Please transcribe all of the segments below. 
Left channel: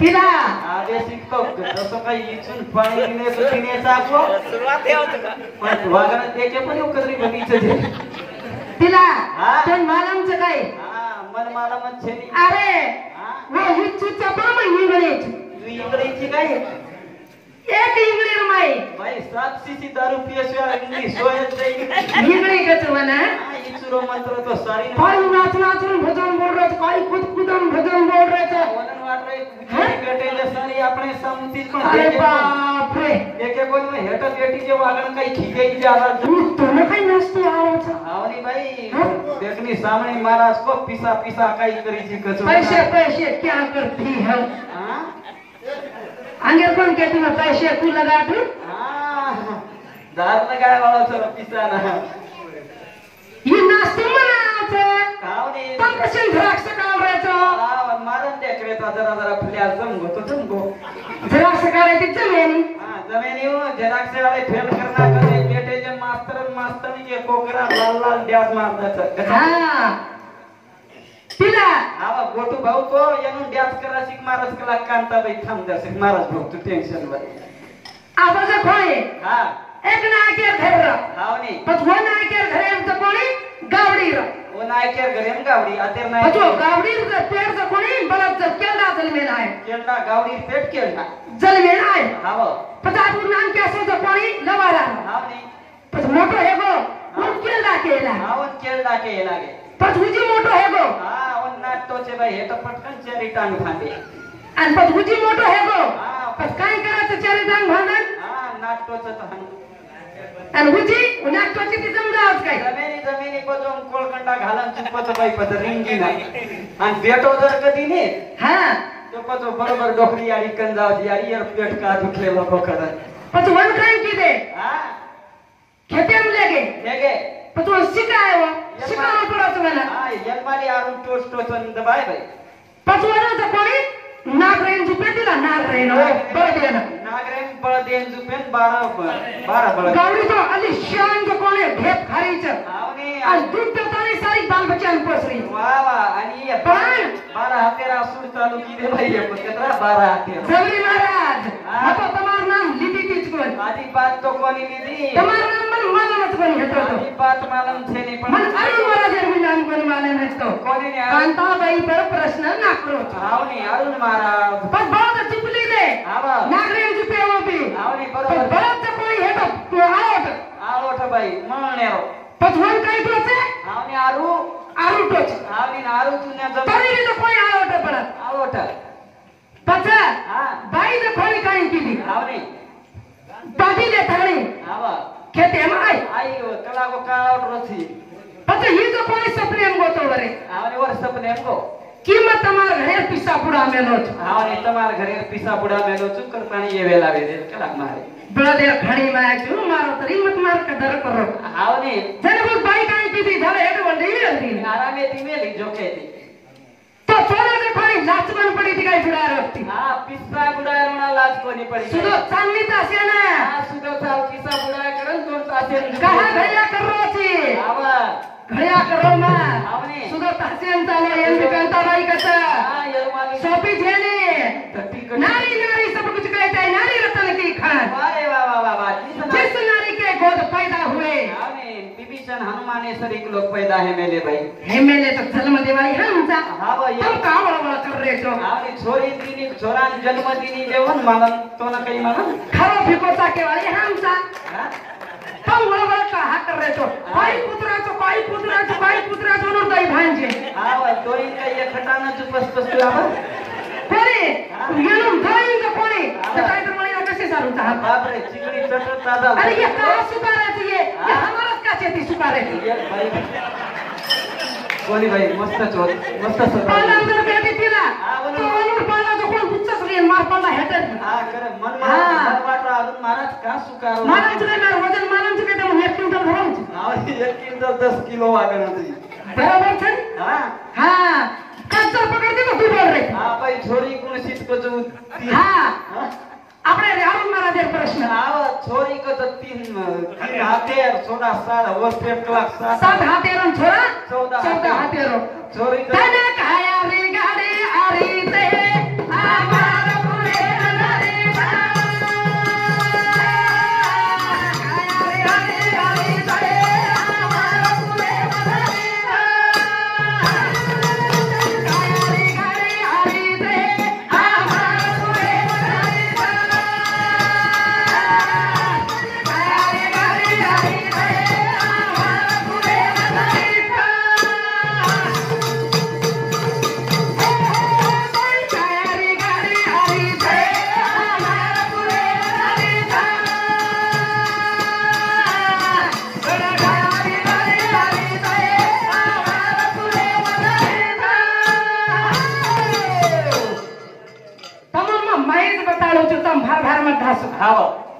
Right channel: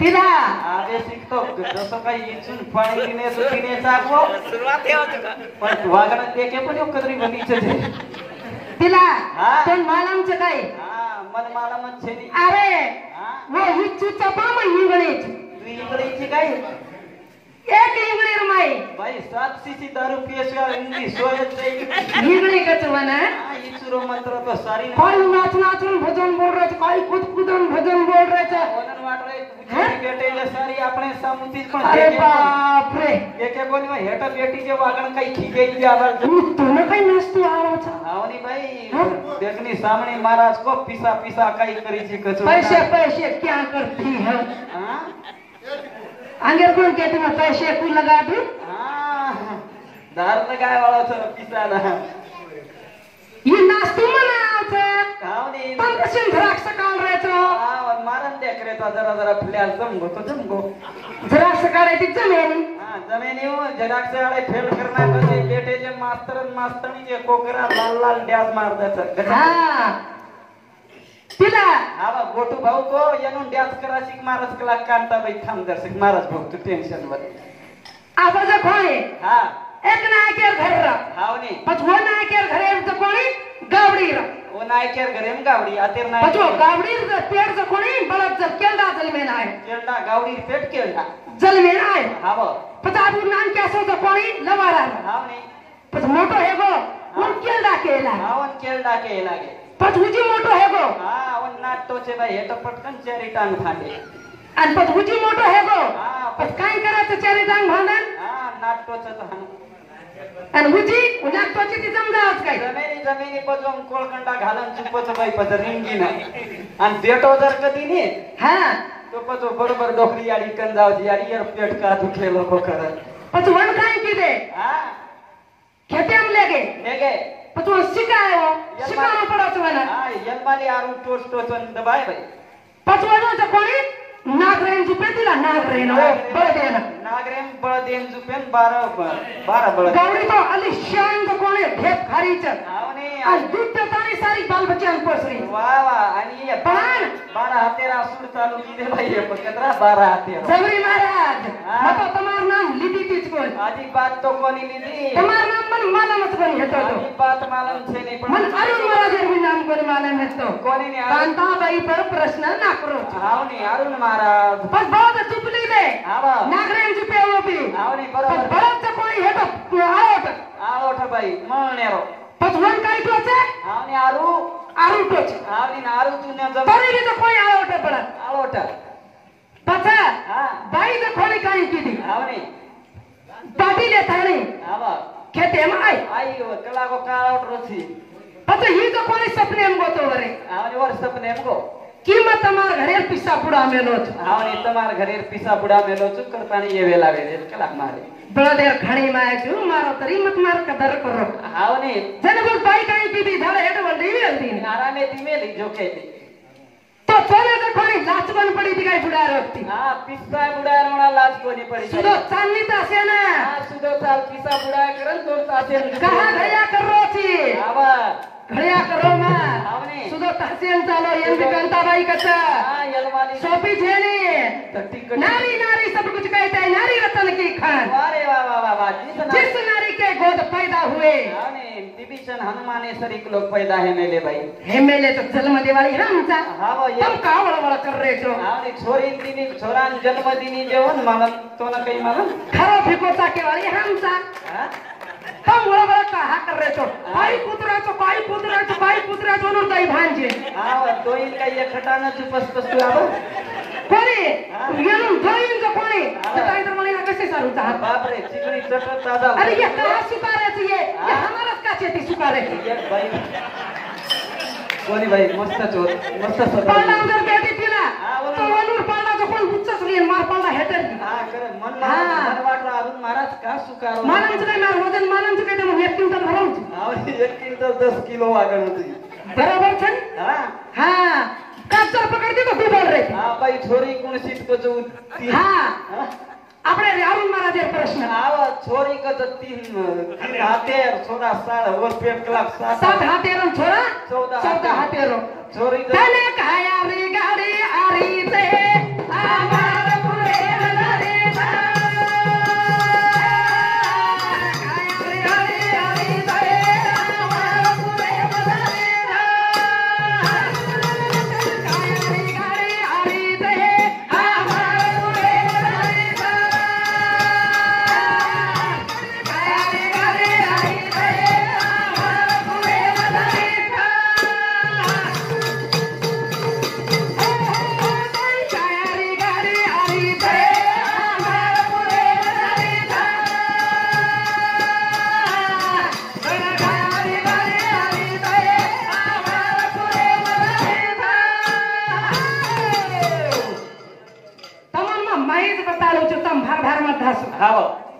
तिला आधे शिकतो कसं काही इचून पाणी पिण्याचा सुरुवात पण वागणं देखे पण कधी घडीचे तिला पण मालमचं काय मन मालमच छेदी अरे वो इचूचा पण इंग्लिश तू इंग्लिशची काय एक इंग्लिश माई भाई 700 ची दारू पियसवा इंग्लिश सोयच इंग्लिश कचवाना इचुरो मंत्र तो सारी कोई नाच नाचून भजन बोल रहे कोई कूद कूदन भजन बोल रहे थे वलन वाट रहे पेटेले सारी આપણે સમતી પણ अरे बाप रे एके बोल में हेटा बेटी जे वागण कई खीगे ज्यादा तूने कई नाचतो आओ छ आवनी भाई देखनी सामने महाराज को पीसा पीसा कई करी छी कछु पैसे क्या करती है हां अंगे कौन कहती मैं पैसे तू लगा दूं हां दार लगाए वाला तो पीसा ना ये नाचतो मनाओ थे आवनी पण कसे द्राक्ष काढ रहे तो मारन देख रहे तो जरा फ्लॅश जमगो द्राक्ष काढायची जमेनी हां जमेनी वो जराक्ष वाले फेल करना कसे बेटे जे मास्तरनी जे कोकरा लाल ड्यास मारता हां तिला आवा गोटू भाऊ को येऊन ड्यास करा शिक महाराज कला कांता बाई थांब द्या शिक महाराज भाऊ तू टेन्शन मध्ये आवाज कोणी हां एक ना के घर आवनी पचवा ना के घरे तो कोणी गावडी ओ नायकेर घरेम गावडी अतेर नाय पचवा गावडी पेड़ से कोणी बलद से केला जलमेन आहे केलडा गावडी पेट केलडा जलमेन आहे हाव पता तू नाम कैसे तो कोणी लवाला हाव नाही पच मोटो हेगो उन केला केला हाव केलडा के लागे पचुजी मोटो हेगो हां ओन नाट तो से भाई हे तो पटकन चेरी टांग थांबे आणि पचुजी मोटो हेगो हां पच काय करायचं चेरी टांग भांडण हां नाट तो से आणि हुजी उन्हा पची ती समजावच काय जमिनी पचून कोळकंडा घालन चुपच बाई पच रिंगी ना आणि बेटो जर कधी ने हां तो पचो बरोबर डोकरी आडी कन जाव यारी यार पेट का दुखेलो बकर पच वन काय की दे हां खेते हम लेगे लेगे पच वो शिकाय वो शिकाना पड़त मला हां यलमाली आरून टोस्ट टोसन दबाय भाई पच वन तो कोणी नागरेन जुपे दिला नागरेन बळ देना नागरेन बळ देन जुपेन 12 बळ गावडी तो अली शान तो कोणी भेट फारीच आवनी आणि दूध पाणी सारी बाल बच्चन पोसरी वा वा आणि ये 12 हातेरा असू चालू की दे भाई ये केतरा 12 हातेरा जवळी महाराज आता तमार नाम लिदी तीच कोण आधी बात तो कोणी लिदी तमार नाम मन मालमच कोण घेतो आधी बात मालम छे नाही मन पण अरुण महाराज मी नाम कोण मालम नसतो कोणी ने कांताबाई पर प्रश्न ना करो आवनी अरुण महाराज पण बहुत चुपली दे आवा नागरेन जुपे होती आवनी पण बरोबर बहुत कोणी हेतो आवत आवत बाई मळनेरो पचवन काय तोचे आवनी आरू टोच आवनी आरू तुन्या जम तरी तो कोणी आवत परत आवत पचा हां बाई ने कोणी काय केली आवनी बाबीले थाणी आवा खेते माय आई वो कला को कावट रथी पचा ही तो कोणी सप्रेम गोतो रे आवनी वर सपने को किंमत તમાર ઘરે પીસા પુડા મેલો છે आवनी તમાર ઘરે પીસા પુડા મેલો ચુકર પાણી એ વેલાવે દે કલા મારે બળદે ઘણી માં ક્યું મારો તરી મત માર કદર કરો आवनी જને બોલ બાઈ કાઈ કીધી ઘરે હેડ વળી વેલતી આરામે ધીમે લી જોકે તો ચોરે કે કોની જાચવન પડી તી કઈ પુડા રખતી हां पिस्सा बुडा रोणा लाज कोनी पड़ी સુલો ચાંદની તાસે ને हां सुदो था पिस्सा बुडा के दोन तासे कहा घड्या करो छी आवा घड्या करो मा आवनी सुलो तासेन चावा एंदी कांताबाई कथा हां यलमाली सोपी झेली धरती नारी नारी सब कुछ कहता है नारी वतन की खान वारे वाह वाह वाह जिस नारी के गोद पैदा हुए आवनी विभीषण हनुमाने सरीक लोग पैदा है मेले भाई हेमेले तो जन्म देवाई हमचा हां वो ये तुम का वळवळ कर रे तो आवनी छोरी दिनी छोरान जन्म दिनी देवन मानन तो ना कई मानन खरो फिकोसा के वाले हमचा हां तुम वळवळ का हा कर रे तो पाई पुत्रा तो नुरताई भांजे हां वो दोई का ये खटाना चुपस पस आवा कोणी येऊन गाईन जो कोणी सकाळी तर मला कसे चालू चाहत बाप रे चिकनी चपत दादा अरे ये का सुपाराची ये हमारा का चेती सुपारे ये भाई कोणी भाई मस्त चोर मस्त सर पाला जर बेटी तिला तो वलूर पाला जो कोण गुच्चा सुरी मार पाला हेटर हां करे मन वाटला अजून महाराज का सुकार मालम चुके ना वजन मालम चुके तो 1 क्विंटल भरून हां 1 क्विंटल 10 किलो वागण होती बराबर छन हां हां काचा पकड़ दे तो तू बोल रे हां भाई छोरी कोण सीट को जो हां આપણે અરુણ મહારાજે પ્રશ્ન આવા છોરી કો તો तीन હાથે 16 વર્ષ પેટ ક્લાસ 7 હાથેરો છોરા 14 હાથેરો છોરી તને કાયા રે ગાડી આરી તે આવા धासू हाव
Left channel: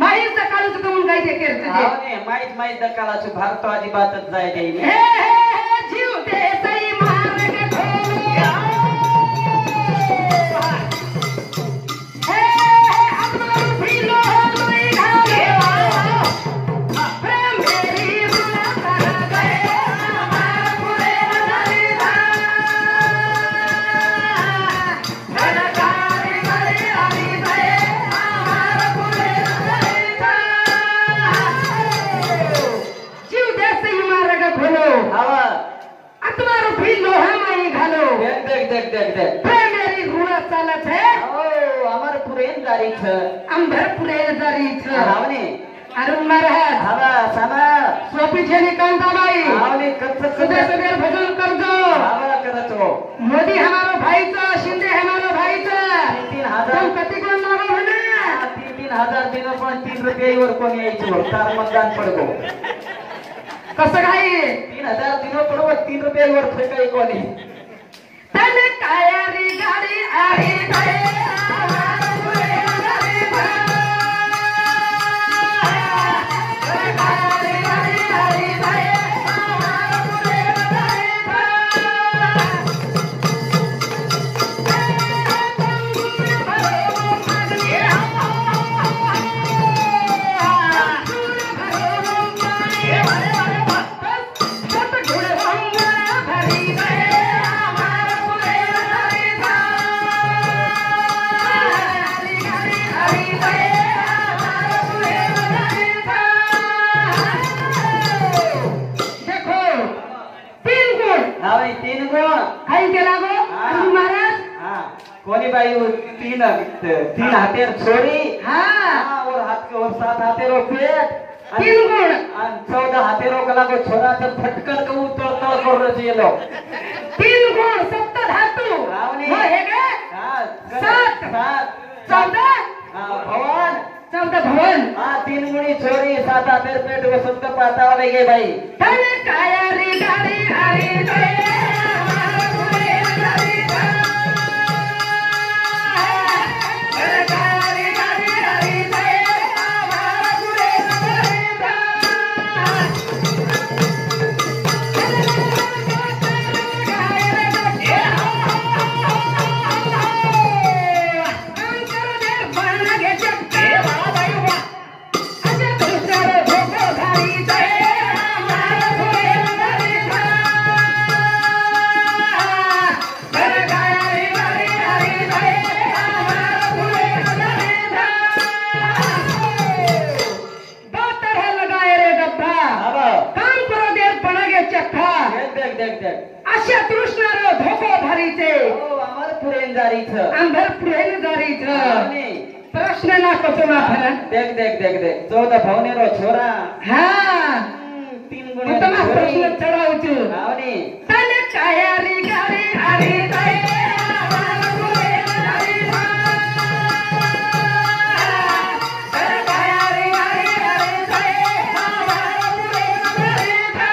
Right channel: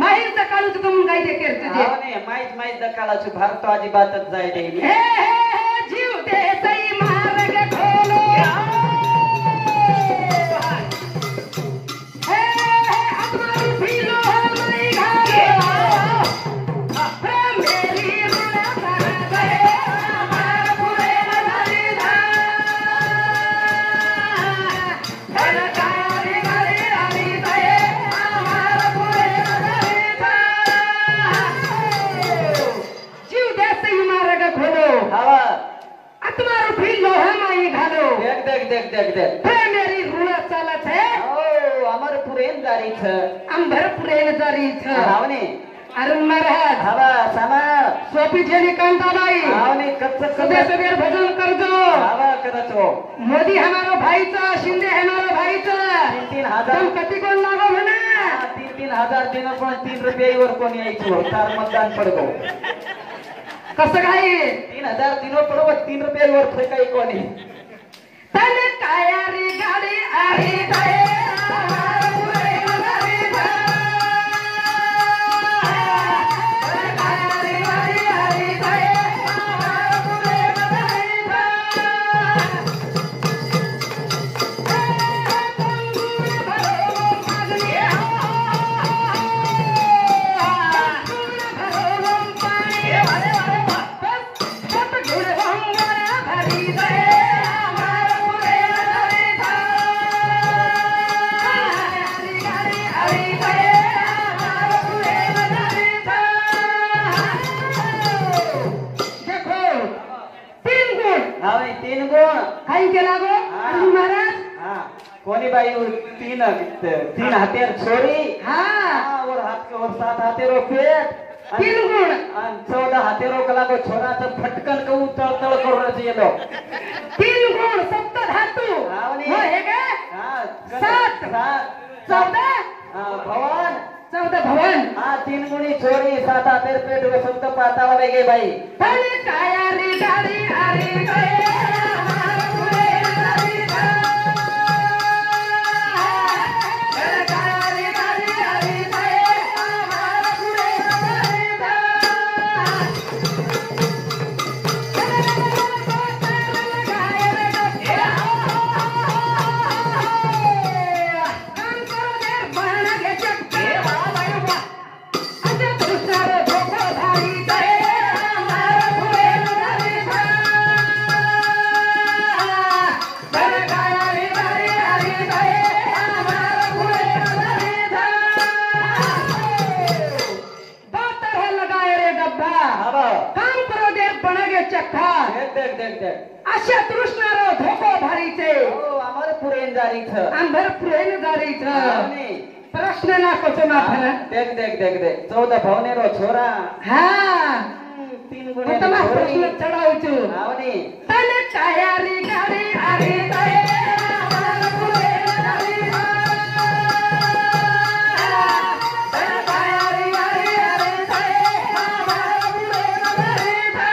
माहीत काळू तुझं म्हणून काय ते केलं तुझे हाव ने माहीत दकाळाची भारत अजिबातच जाय हे देईन हे जीव दे सई मार्ग खोलो हे आत्मा फिलो हमारी घाले प्रेम मेरी माता गए हमारा खुदे बनाई धा मेरा कारी कारी आई गए हमारा खुदे बनाई धा जीव दे सई मार्ग खोलो हाव आत्मा फिलो हमारी घालो देख प्रेम मेरी ऋण चालत है ओ अमर पुरेन दारी छ अंबर पुरे जरी छ हाव ने अरे महाराज हाव सना सोपी ठेली कांताबाई हाव ने कच्च सदे सगळे भजन करजो हाव करतो मोदी हमारा भाईचा शिंदे हमारा भाईचा 3,000 गणपती कोण लागो म्हणा 3,000 दिनो पण 3 रुपयावर कोण यायचो तर मतदान पडतो तसं काही 3,000 दिनो पडतो 3 रुपयावर फेकाई कोणी त्याने तयारी गाडी आली बाई हमारा पुरे जरी धा तयारी गाडी आली बाई हमारा पुरे जरी देखो तीन गुण हाव ने 3 गुण काही केला गो गुरु महाराज हां कोणी बाई 3 हातेर छोरी हा और हाथ के और 7 हाथेरो पेट तीन गुण आणि 14 हाथेरो गला को छोरा तर फटकन को तळ करू रचेलो तीन गुण सप्त धातु रावणी. वो है क्या हां सात. 14 भवन 14 भवन हां 3 गुणी छोरी 7 हातेर पेट वसंत पातावा गे बाई तन काया रे गाडी आरी गए हमारा पुरे जरी धा तन काया रे गाडी आरी गए हमारा पुरे जरी धा अशा तृष्णारो धोको भरीचे आम्हाला पुरेन जारीच अंधर प्रेम जारीच प्रश्न ना कचोना फरक देख 14 भवनेरो छोरा हा 3 गुणी तमा प्रश्न चढावछु आवनी तन कायारी गाडी आरी गए हमारा पुरे जरी धा तन कायारी गाडी आरी गए हमारा पुरे जरी धा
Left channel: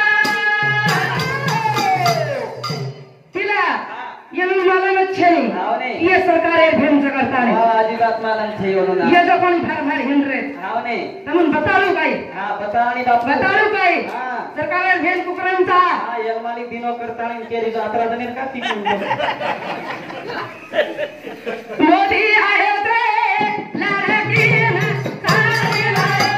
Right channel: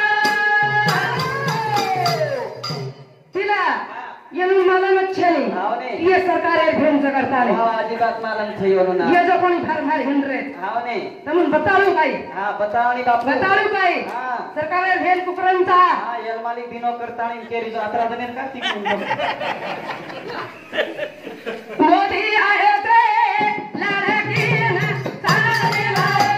तिला येऊन मला नच्छेनी आवनी ये सरकारे भेंज करता हा अजिबात मला नाही होणार ये जो कोण फार फार हिंड्रे आवनी तमन बतालू काय हा बतावणी बापू बतालू काय हा सरकारे भेंज कुकरंचा हा यलमाली दिनो करताणी केरी जात्रा जनेत का ती मोदी आयो रे लाडकी ना सारे लायो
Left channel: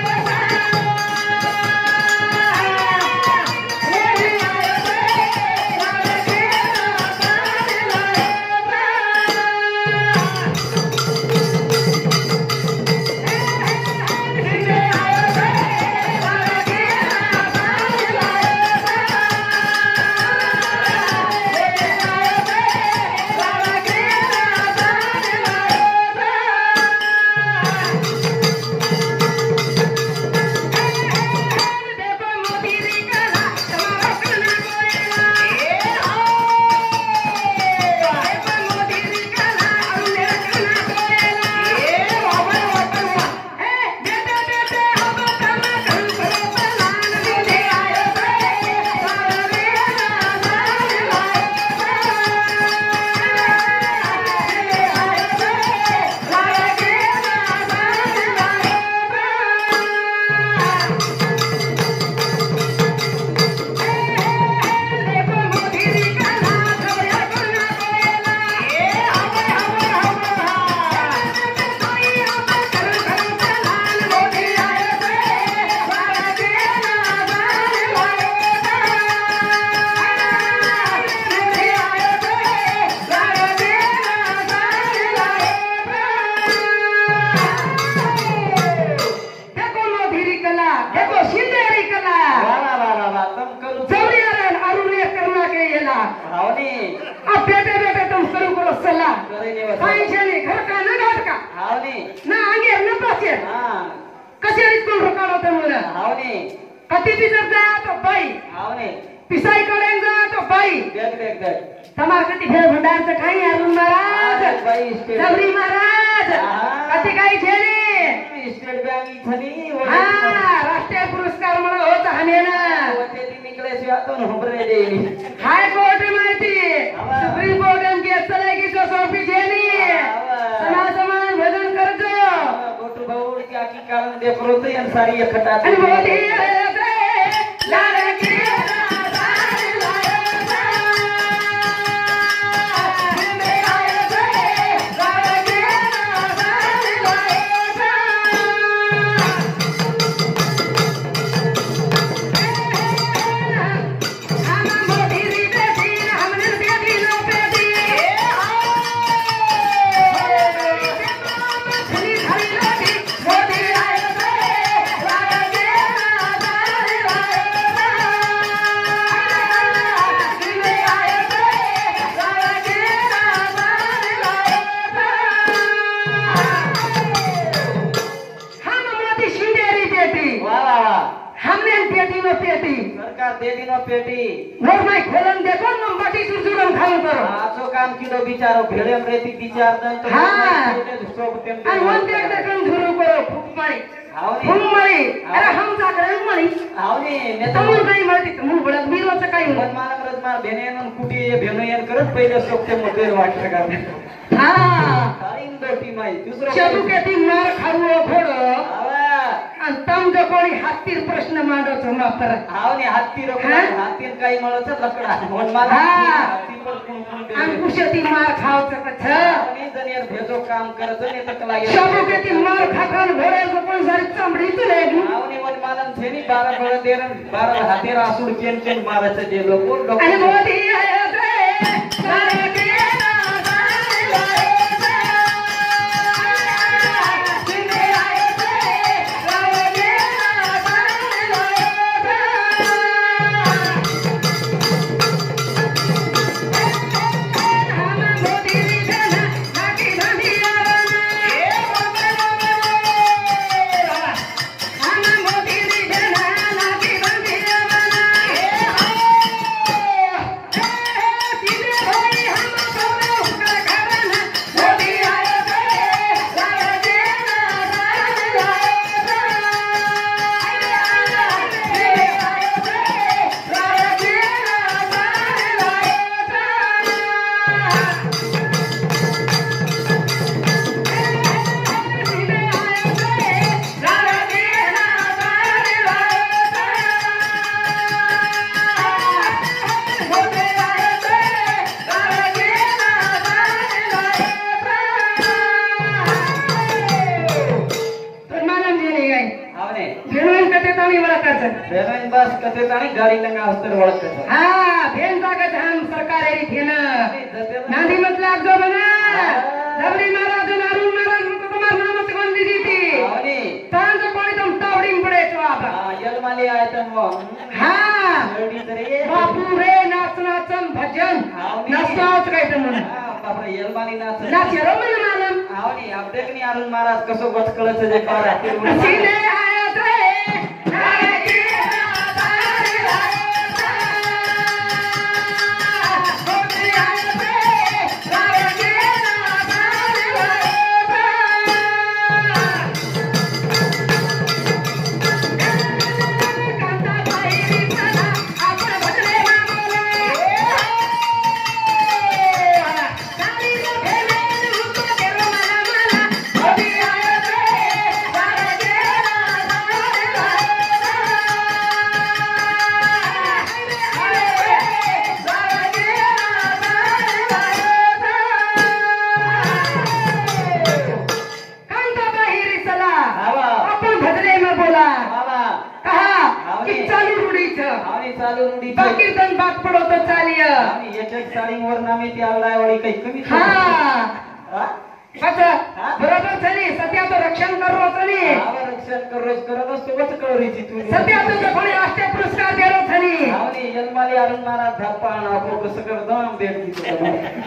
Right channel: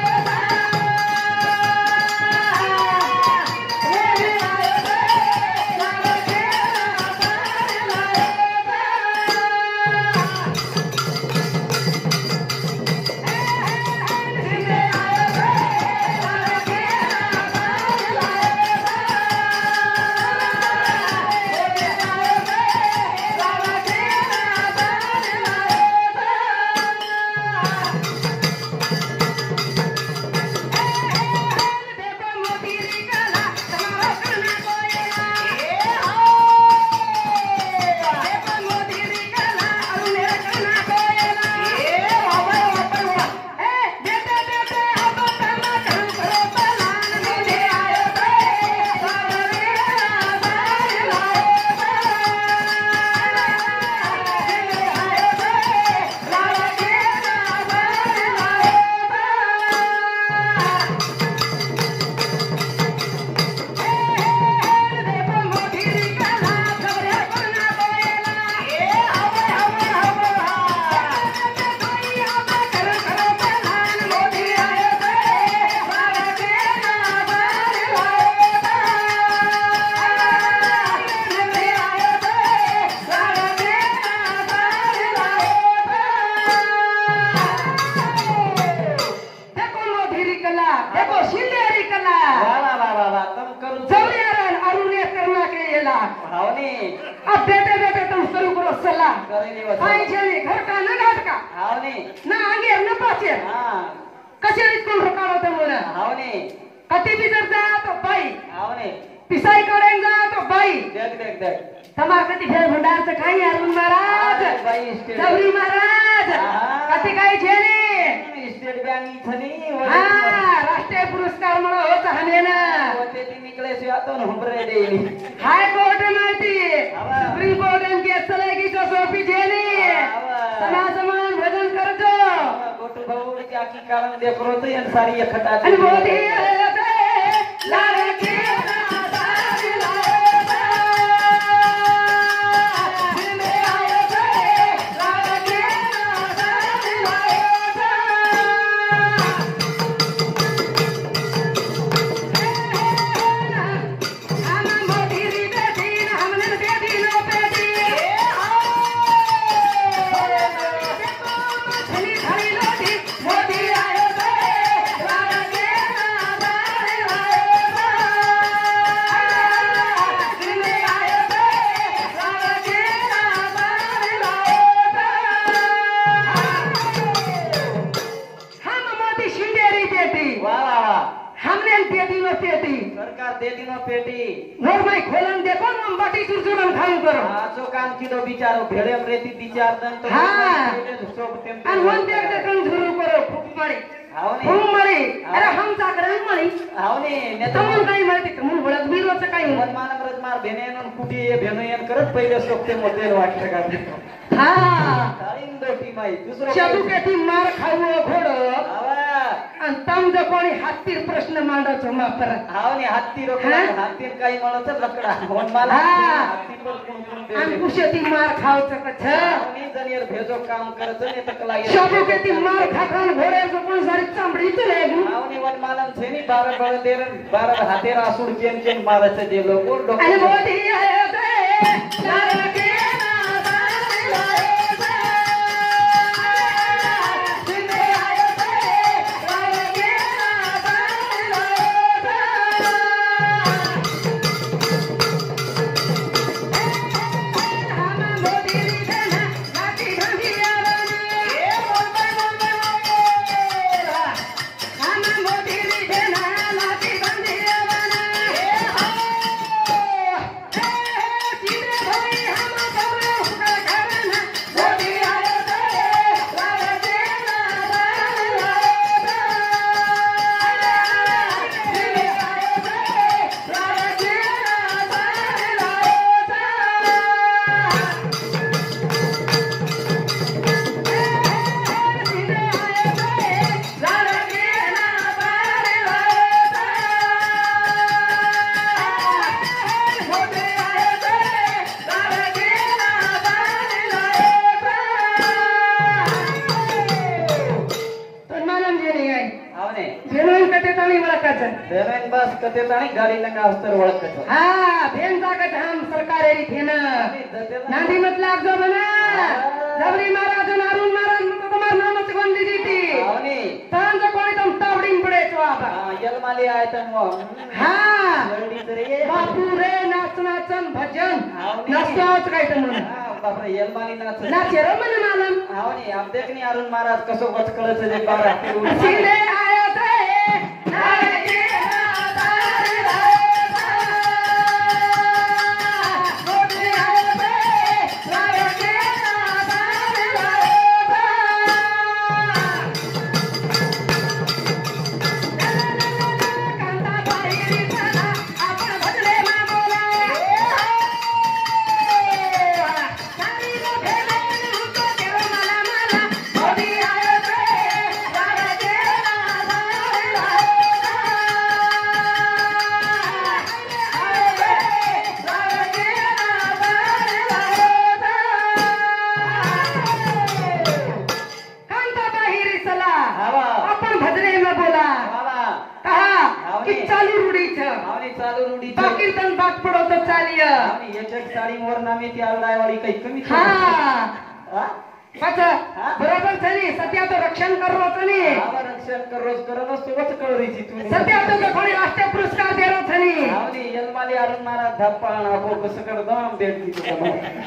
मोदी आयो रे लाडकी ना सारे लायो देवा पाई छेली घर का न घाट का हावने ना आगे न पहुंचे हां कसे रिस्क रोकाडो तो मुला हावने पति भीतर जा तो बाई हावने पिसाई करें जा तो बाई देख तमा कति फेर भंडार से खाई अरुण महाराज बाई स्टेट जबरी महाराज कति काही छेली स्टेट बँक छली हां राष्ट्रीय पुरस्कार मला होत हनेना ते निकले से आतो न हमरे दे हाय कोर्ट माहिती सुप्रीम कोर्ट आणि केस चलागी तो सोपी छेली समाजमान भजन करजो गोटू भाऊ के आकी कारण दे प्रोत ये सारी इकट्ठा आणि मोदी लाल की बिचारो भेड़े रेती विचार दन तो सब टेम आणि मग ते करून सुरू करो फुकमारी फुकमारी अरे हम सागरे मणी हावने ने तो नाही माहिती म्हणून बोलत मी रोज काही मनमाना भेने मन कुटी ये भेनो यान करत पहिले सोपते मोठे वाटते का हां काळीन दोटी माई दुसरं चबू के ती मार खाऊ घोडो आवा आणि तम जो कोणी हातीर प्रश्न मांडो छ मापर हावने हाती रोकला हातीन काही मळच लकडा मनमाना हाती पण कोण आणि कुशती मार खाऊ सकत छ हावने जनेर भेजो काम करतो ने तकला चबू के ती मार खाखान घोडो कोण सर चांबडी चले हावने मनमाना छेनी 12 गळ देन 12 हातेर असुर चेन मारच जे लोक आणि मोदी आहे रे बेलन बस कते ताणी गाडी लंगा अवसर वळत हां भेन जागे हम सरकार एरी थेन नांदी मतलब जो बना जबरी महाराज अरुण महाराज मुकदमा नामच बंदी दीती आणि पांच कोणी तम तावडिंग पडे तो आपा यलमाली आयतन वो हां रेडी करे बापू रे नाचनाचन भजन नाचनाच काय तर म्हण बापा यलमाली नाच नाचे रो मन मालम आवनी आप देखनी अरुण महाराज कसो बचकळ छे जे पारा सीधे आया रे कीर्तन बाग पडतो चालिय आणि एक साडीवर नामे ती आवडायवाडी काही कमी हां अच्छा बरोबर झाली सत्याचं रक्षण करो तनी रक्षण करोस करत सोबत कळरीची तू सत्याचं कोणी राष्ट्रीय पुरस्कार देरो तनी आणि जन्माली अरुण महाराज धप्पा ना को कसं कर दम देत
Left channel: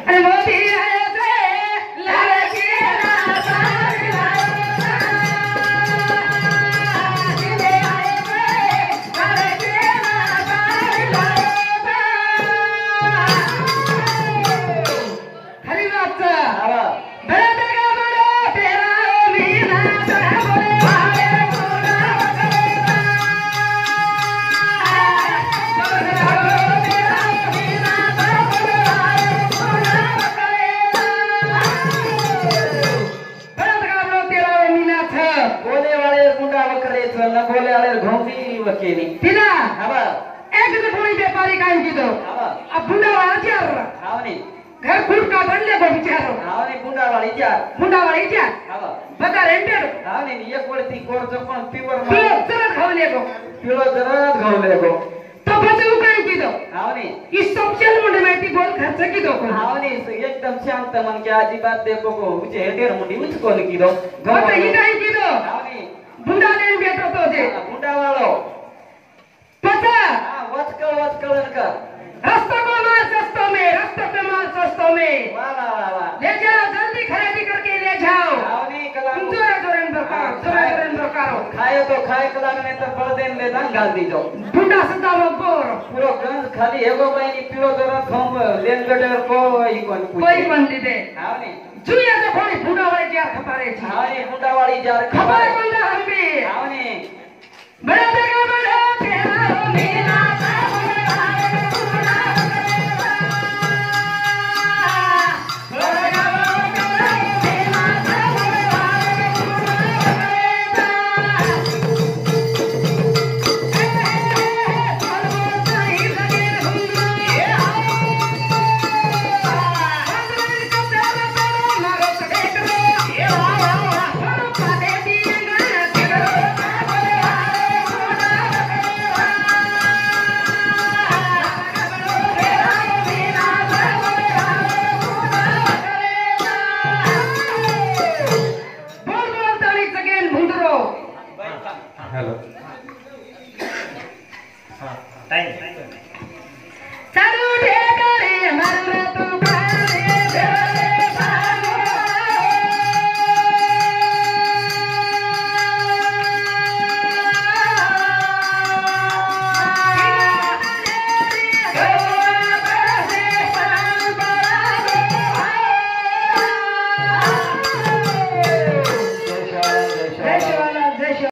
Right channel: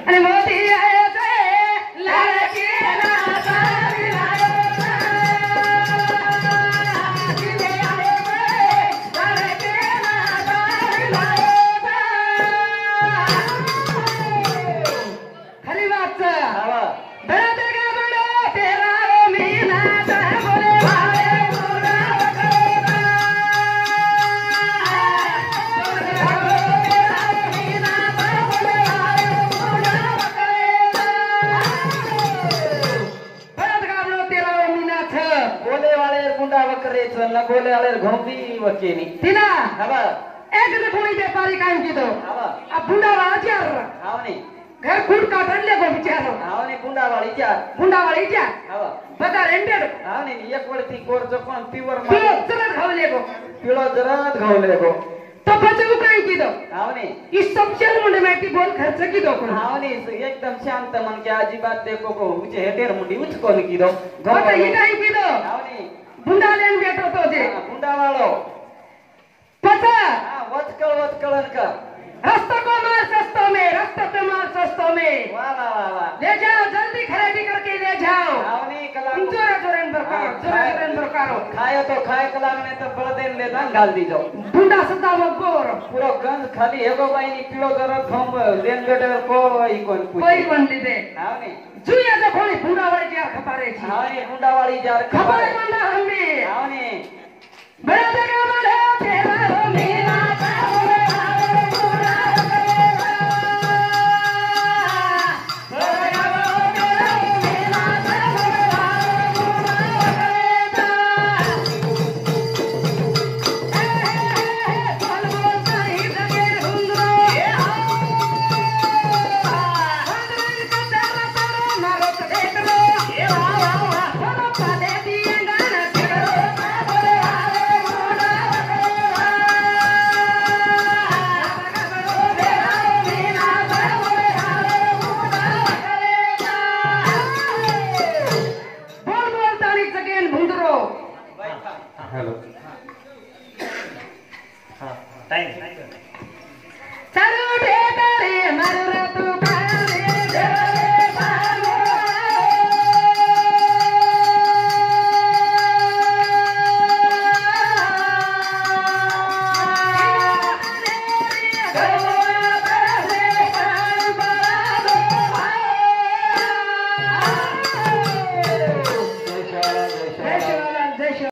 आणि मोदी आहे केली तिला हवा एक दिन कोणी व्यापारी काय कीधं हवा अब बुंडावाळा चार हावने घर खुद का बनले को विचारो हावने गुंडावाळी चार बुंडावाळा चार हवा बता रेंडे हावने एक वरती कोर पण प्युअर पिलो चला खावले को पिलो जरा घावले को तो बचे काय कीधं हावने इस सबसे मुंडे माहिती बोल खर्च कीधं कोण हावने एकदम शांत मन के अजिबात देखो को मुझे हेटेर मुंडी उच कोल कीधो बता ही काय कीधं हावने बुंडा लेन बेटो तो जे गुंडावाळो पता वचकळ का रास्ता को मार सस्तों में रास्ता को मार सस्तों में वाह वाह वाह ले जाओ जल्दी खरीदी करके ले जाओ हावने कला जोरे जोरे करो खाए तो खाए कला में तो बळदेन ले दान घाल दीजो बुंडा सदा वो गोर पूरो गंज खाली हेगो बाई नी पिलो जरा थोप लेंगडे कोई कोन कोई बन दे हावने जुनिया तो कोई बुंडा वाली जा खपारे छी हावने गुंडावाळी जार खबर बंदा हमें हावने बड़ा जगह बड़ा तेरा रो मेरा हेलो